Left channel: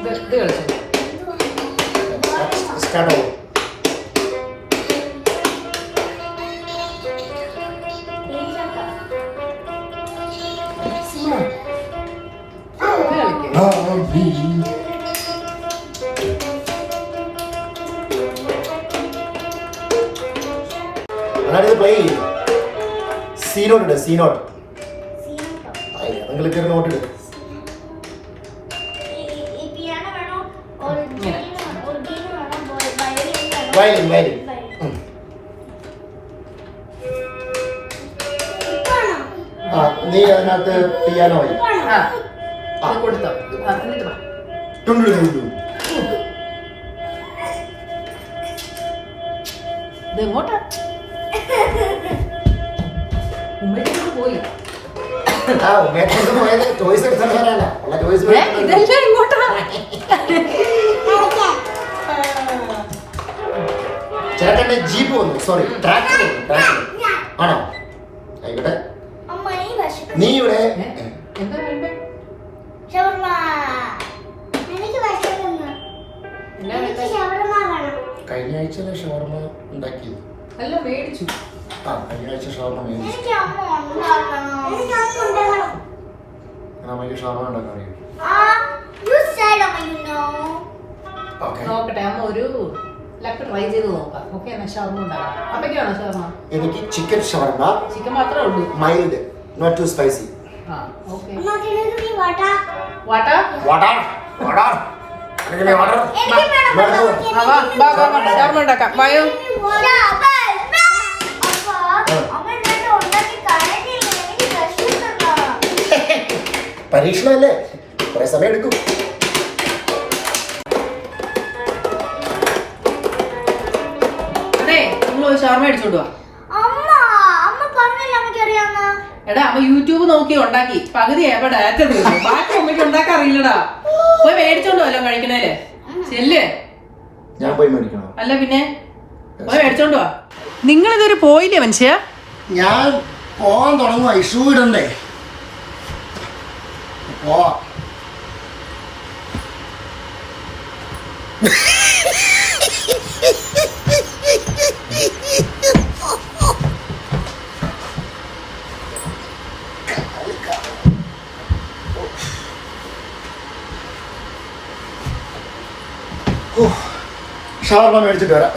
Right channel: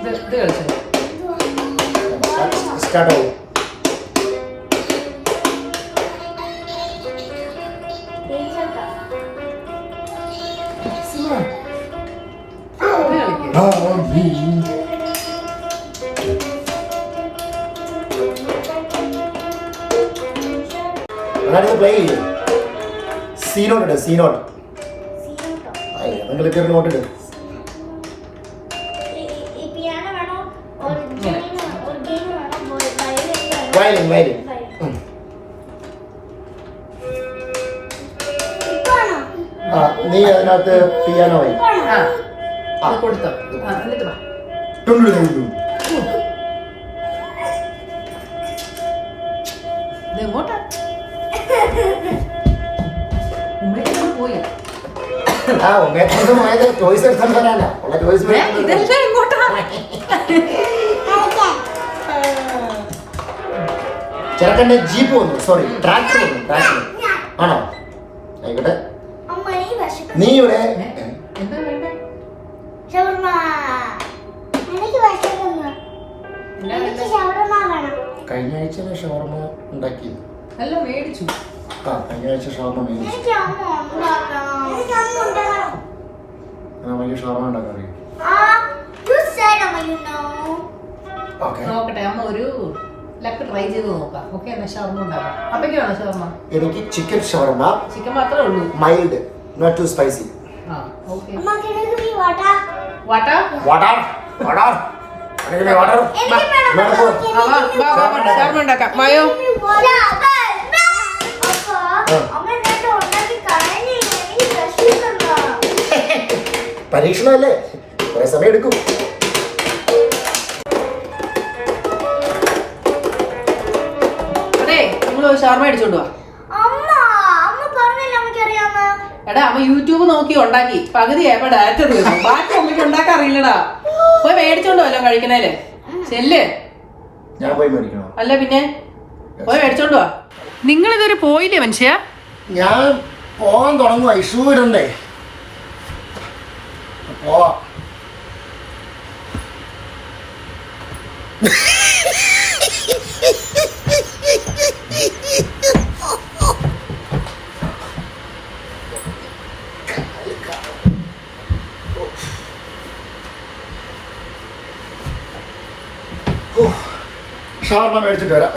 ഇത് കളിച്ചു സ്റ്റാർട്ട് ആവും. അതായത് പ്ലേ ചെയ്യും. സി നോട്ട് ഇട്, സി നോട്ട്. നിങ്ങൾ കയറി നോട്ട് ഇട്. Violin violin. ആ നീ അതിനകത്ത് പിയാനോ ആയി. കൊടുത്തോ എന്നിട്ട് വാ. ഇത് എങ്ങോട്ടാ ഉമ്മയ്ക്ക് പോയി. ആ ഉമ്മേറ്റൊന്നും പോയത് ചോയ്സ് എടുത്തിട്ട് വരാനാ. ഉള്ള ചോയ്സ് ഇതെല്ലാം എങ്ങോട്ടാ? ചേട്ടന്റെ ജീപ്പ് വന്നു, സോറി ട്രാക്ടർ വന്നു. ട്രാക്ടർ ആണോ? ആയിക്കോട്ടെ. നീ ഇവിടെ എന്താ വേണ്ടേ? കഴിഞ്ഞ ആഴ്ച ഷവർമ ഉണ്ടാക്കിയത് അല്ല മേടിച്ചു. ആ കഴിഞ്ഞ ആഴ്ച ഷവർമ മേടിച്ചു. നമുക്ക് ഷവർമ ഉണ്ടാക്കാൻ അറിയാം. നോക്കട്ടെ അമ്മ ഒരു ലക്ക് ട്രൈ ചെയ്ത് നോക്കാം. ഓക്കെ എന്നാ ഷവർമ ഉണ്ടാക്കാം. അപ്പയ്ക്കാണോ ഷവർമ? എനിക്ക് ചിക്കൻ ഷവർമ. ചിക്കൻ മാത്രമേ ഉള്ളൂ. Mild, not too spicy. ആ ഓക്കെ. വാട്ടാ വാട്ടർ വാട്ടർ അങ്ങനെ വാട്ടർ. ഷവർമ ഉണ്ടാക്കാം. വായോ. പരീക്ഷണമല്ലേ, കുറെ സമയം എടുക്കും. ഷവർമ അടിച്ചോണ്ട് വാ. എടാ അമ്മ യൂട്യൂബ് നോക്കി ഉണ്ടാക്കി പകുതി ആയപ്പോ ഡയറക്റ്റ് തീർന്നു. ബാക്കി അമ്മയ്ക്ക് ഉണ്ടാക്കാൻ അറിയില്ലടാ. പോയി മേടിച്ചോണ്ട് വല്ലോ കഴിക്കണേലേ. ചെല്ലേ ഞാൻ പോയി മേടിക്കണോ? അല്ല പിന്നെ പോയി മേടിച്ചോണ്ട് വാ. നിങ്ങളിതൊരു പോയില്ലേ മനുഷ്യ? ഞാൻ പോകാൻ തുടങ്ങുക. ഷൂ ഇടണ്ടേ? പോവാ. ഷവർമ മേടിച്ചിട്ട് വരാം.